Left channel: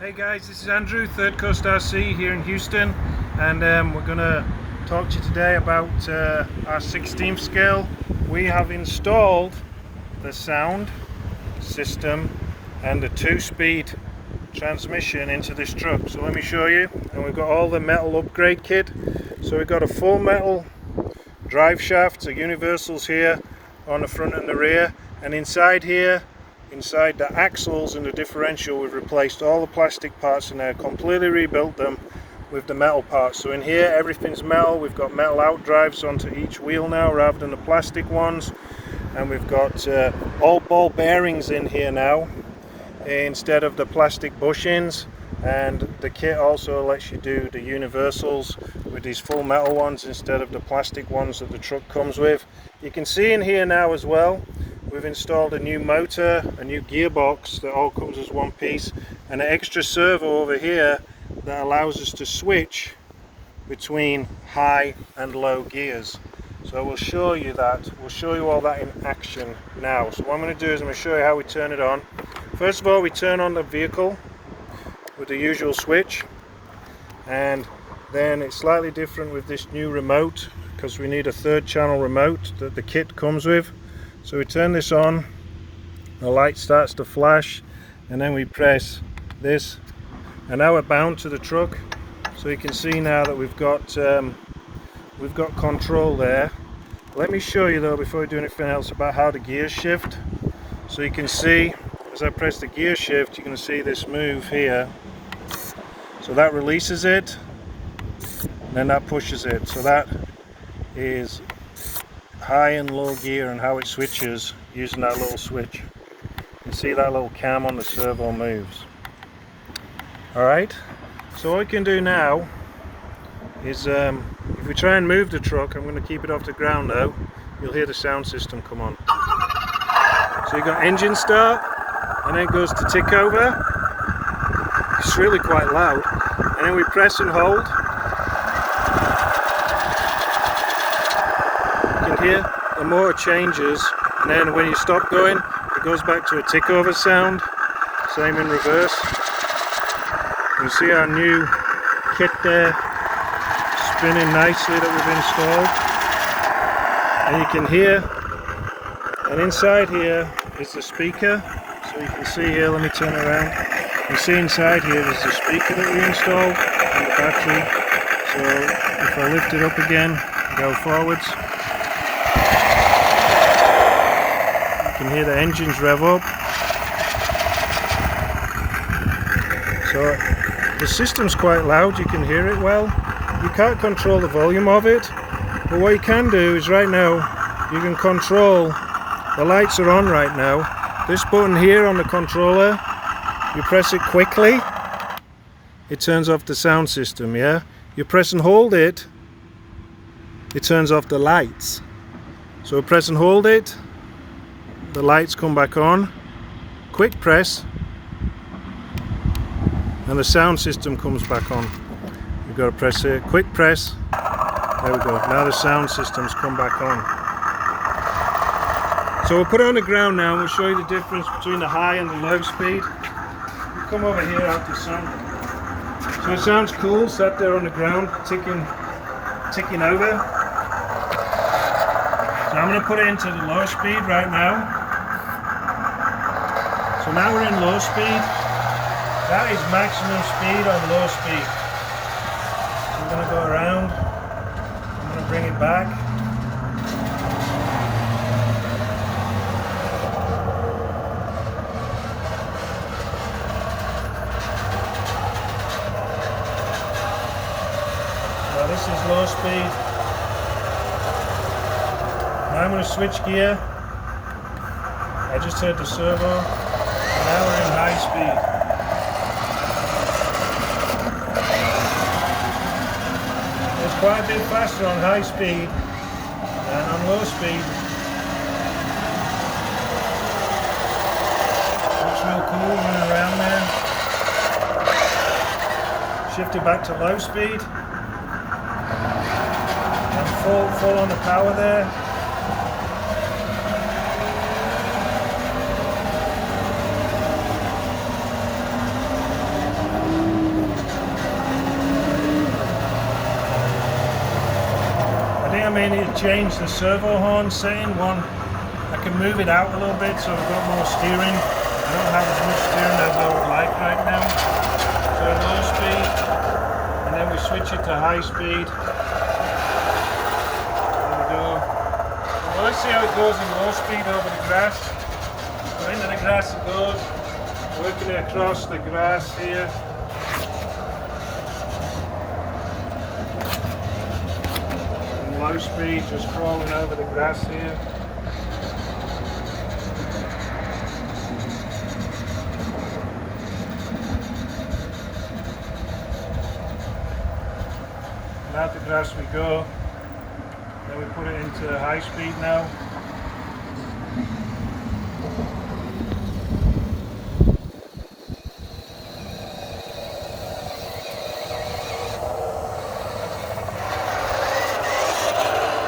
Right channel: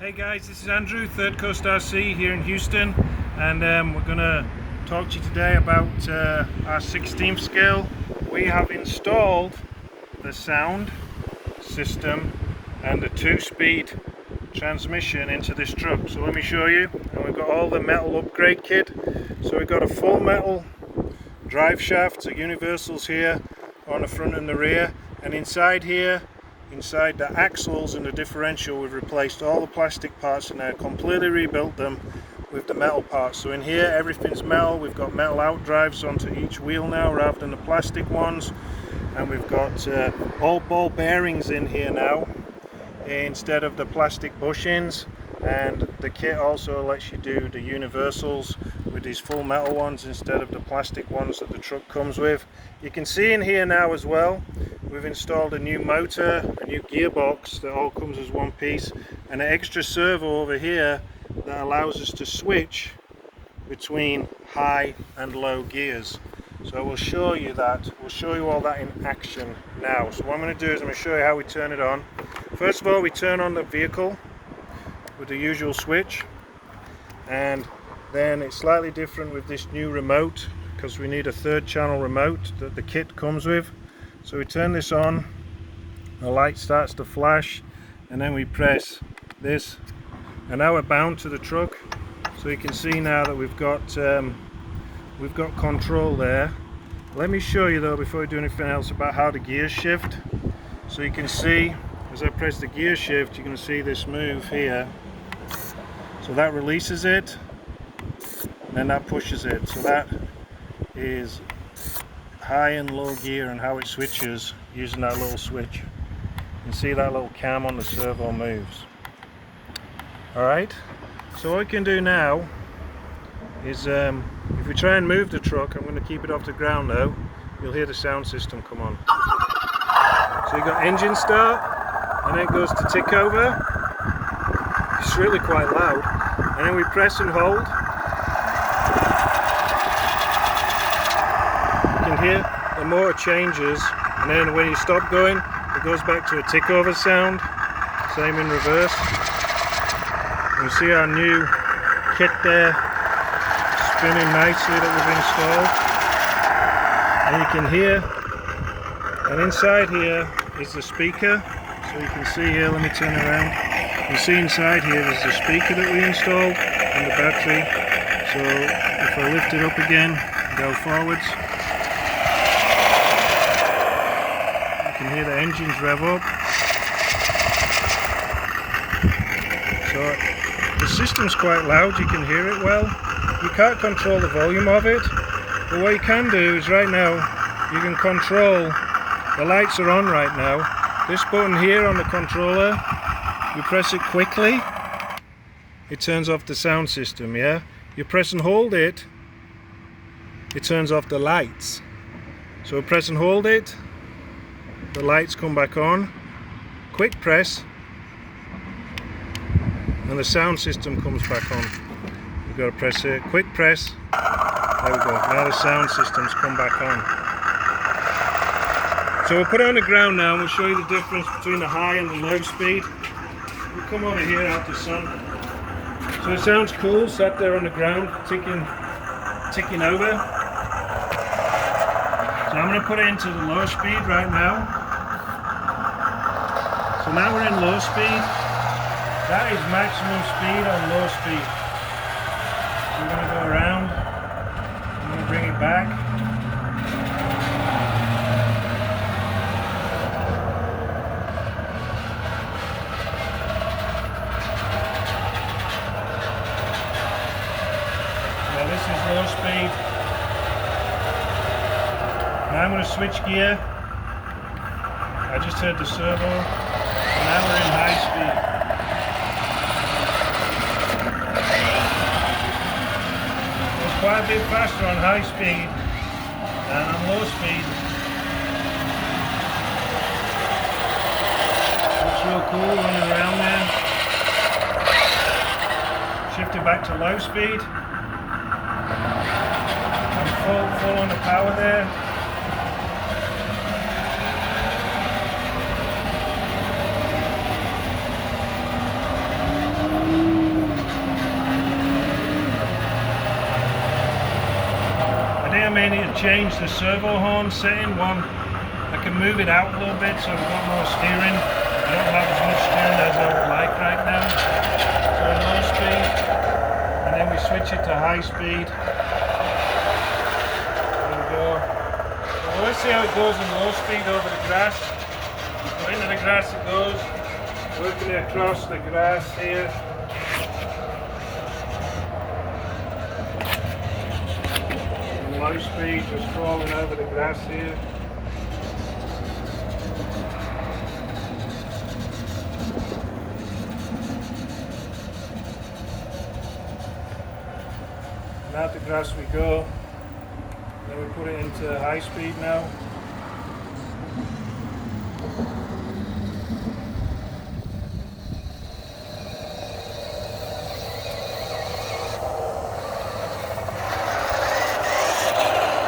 Hey guys, this is Andrew, ThirdCoastRC here in Houston, and we're going to talk to you today about our 16th scale. We have installed the sound system and the 2-speed transmission into this truck. So let me show you. And we've got all the metal upgrade kit. So we've got a full metal drive shaft, so universals here on the front and the rear, and inside here, inside the axles and the differential, we've replaced all the plastic parts in there, completely rebuilt them with the metal parts. So in here everything's metal. We've got metal out drives onto each wheel now rather than the plastic ones, and we've got all ball bearings in here now instead of the plastic bushings. And the kit also lets you do the universals with these full metal ones instead of the plastic ones that the truck comes with. You can see in here now as well, we've installed a new motor, a new gearbox that all comes as one piece, and an extra servo over here that allows us to switch between high and low gears. So we'll show you that. We'll show you all that in action now. So what I'm going to do is I'm going to show you how we turn it on. First of all, we turn on the vehicle with the usual switch, and then it's slightly different with this new remote because we need a 3rd channel remote that the kit comes with. So we turn this on, the light starts to flash, and then we press this, and now we're bound to the truck. So you can see now that we've got control there. Let me show you though, before we do anything else, about how the gears shift. So you can see as I press the gear shift, you can see this move here. So that releases it, and then that pushes it. So that is high and low gear and how it switches using that little switch. You can see that little cam on the servo moves. Alright, so what we can do now is if we try and move the truck, I'm going to keep it off the ground though, you'll hear the sound system come on. So you've got engine start, and then it goes to tick over. It's really quite loud, and then we press and hold. You can hear the motor changes, and then when you stop going, it goes back to a tick over sound. Same in reverse. You see our new kit there spinning nicely that we've installed, and you can hear, and inside here is the speaker. So you can see here, let me turn around. You see inside here is the speaker that we installed and the battery. So if I lift it up again, go forwards, you can hear the engines rev up. So the system's quite loud, you can hear it well. You can't control the volume of it, but what you can do is right now you can control, the lights are on right now. This button here on the controller, you press it quickly, it turns off the sound system, yeah? You press and hold it, it turns off the lights. So press and hold it, the lights come back on. Quick press, and the sound system comes back on. You've got to press it, quick press, there we go, now the sound system's come back on. So we'll put it on the ground now and we'll show you the difference between the high and the low speed. We'll come over here out the sun. So it sounds cool, sat there on the ground, ticking over. So I'm going to put it into the low speed right now. So now we're in low speed. That is maximum speed on low speed. So we're going to go around. I'm going to bring it back. This is low speed. Now I'm going to switch gear. I just heard the servo. And now we're in high speed. It's quite a bit faster on high speed than on low speed. Looks real cool running around there. Shift it back to low speed. Full on the power there. may need to change the servo horn setting. I can move it out a little bit so I've got more steering. I don't have as much steering as I would like right now. So low speed, and then we switch it to high speed. There we go. So let's see how it goes in low speed over the grass. So into the grass it goes, working it across the grass here. And low speed, just crawling over the grass here. And out the grass we go. Then we put it into high speed now.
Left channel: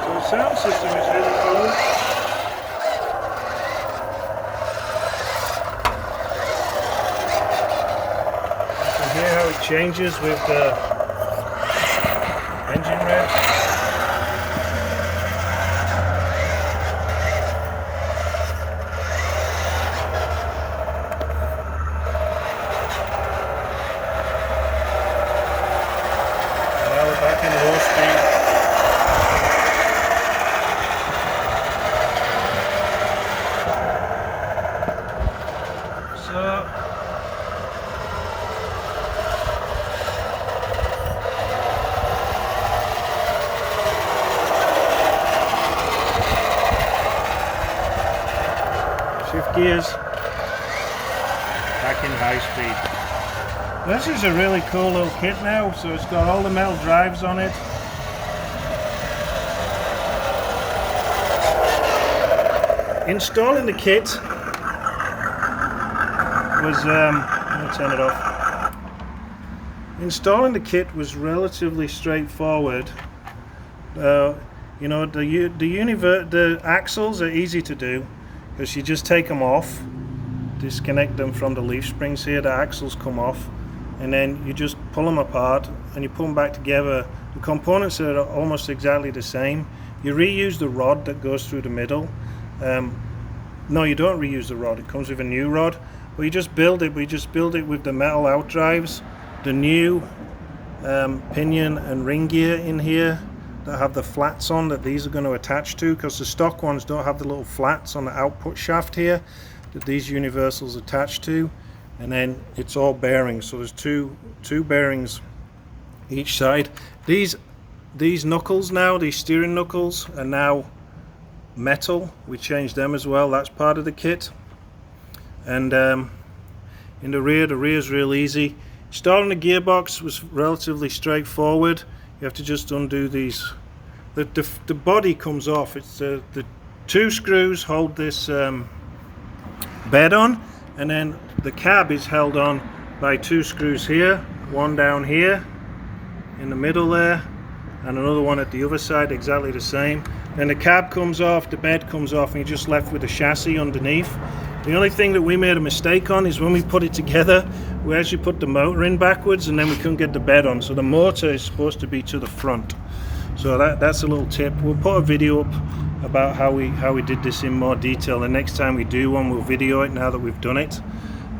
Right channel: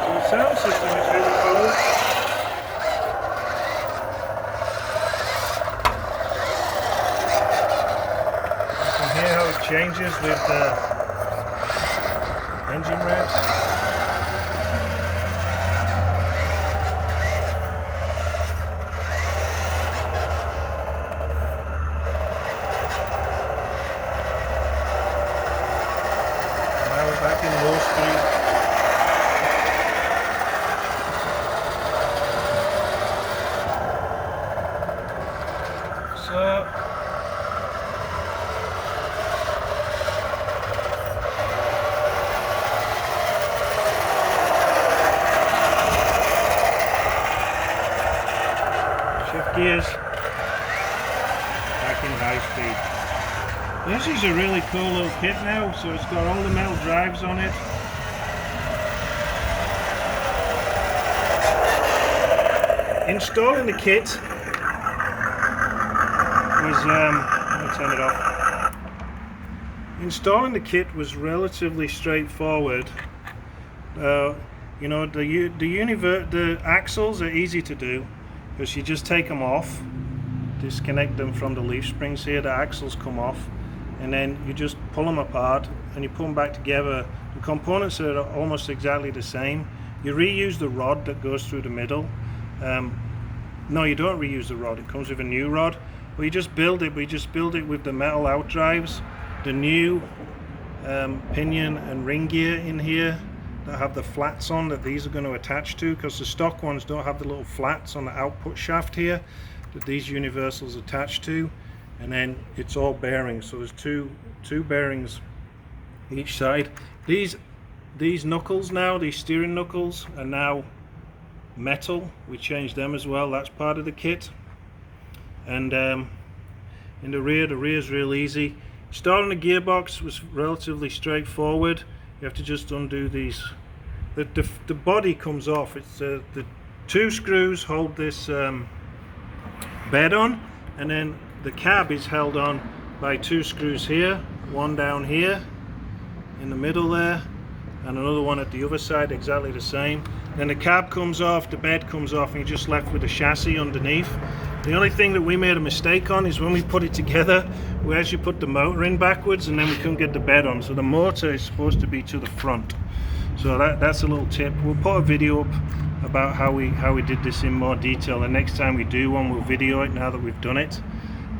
So the sound system is really cool. You can hear how it changes with the engine revs. Now we're back in low speed. So shift gears, back in high speed. This is a really cool little kit now, so it's got all the metal drives on it. Installing the kit was, let me turn it off. Installing the kit was relatively straightforward. You know, the axles are easy to do, because you just take them off, disconnect them from the leaf springs here, the axles come off, and then you just pull them apart and you put them back together. The components are almost exactly the same. You reuse the rod that goes through the middle. No, you don't reuse the rod, it comes with a new rod. But you just build it, we just build it with the metal outdrives, the new pinion and ring gear in here that have the flats on that these are going to attach to, because the stock ones don't have the little flats on the output shaft here that these universals attach to. And then it's all bearings, so there's two bearings each side. These knuckles now, these steering knuckles, are now metal. We changed them as well, that's part of the kit. And in the rear is real easy. Installing the gearbox was relatively straightforward. You have to just undo these. The body comes off. It's the two screws hold this bed on, and then the cab is held on by two screws here, one down here in the middle there, and another one at the other side, exactly the same. Then the cab comes off, the bed comes off, and you're just left with the chassis underneath. The only thing that we made a mistake on is when we put it together, we actually put the motor in backwards, and then we couldn't get the bed on. So the motor is supposed to be to the front. So that's a little tip. We'll put a video up about how we did this in more detail. The next time we do one, we'll video it now that we've done it.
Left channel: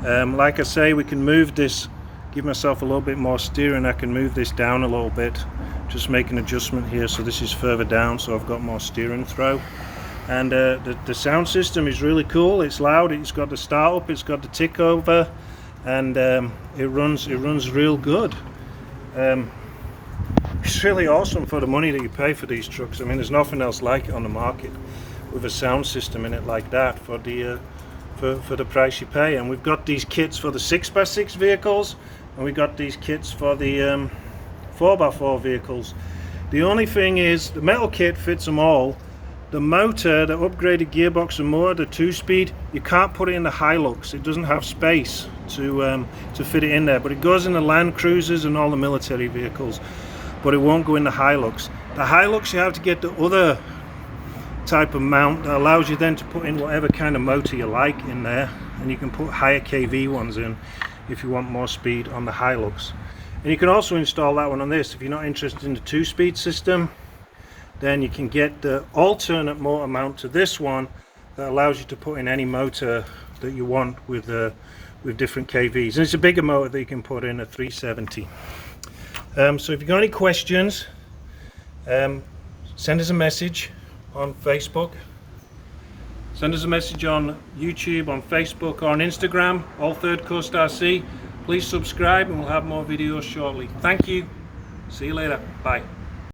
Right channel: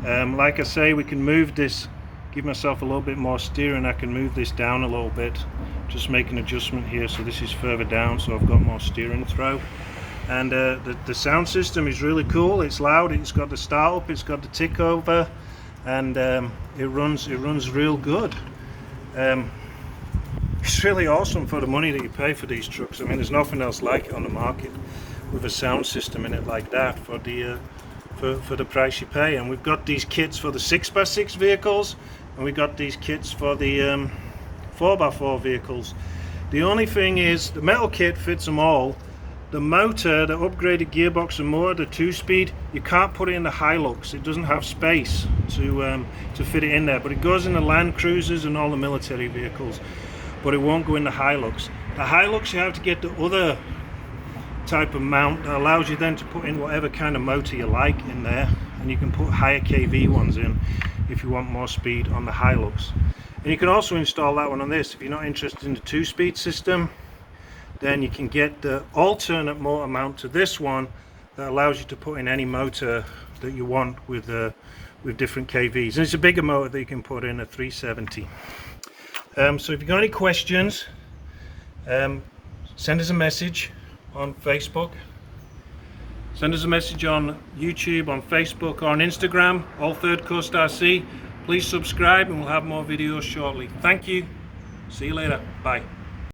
Like I say, we can move this, give myself a little bit more steering. I can move this down a little bit, just make an adjustment here so this is further down, so I've got more steering throw. And the sound system is really cool. It's loud, it's got the start up, it's got the tick over, and it runs real good. It's really awesome for the money that you pay for these trucks. I mean, there's nothing else like it on the market with a sound system in it like that for the price you pay. And we've got these kits for the 6x6 vehicles, and we got these kits for the 4x4 vehicles. The only thing is, the metal kit fits them all. The motor, the upgraded gearbox and motor, the 2-speed, you can't put it in the Hilux. It doesn't have space to fit it in there, but it goes in the Land Cruisers and all the military vehicles, but it won't go in the Hilux. The Hilux, you have to get the other type of mount that allows you then to put in whatever kind of motor you like in there, and you can put higher kV ones in if you want more speed on the Hilux. And you can also install that one on this if you're not interested in the 2-speed system. then you can get the alternate motor mount to this one that allows you to put in any motor that you want with different KVs. And it's a bigger motor that you can put in, a 370. So if you've got any questions, send us a message on Facebook, send us a message on YouTube, on Facebook, or on Instagram, all ThirdCoastRC. Please subscribe and we'll have more videos shortly. Thank you. See you later. Bye.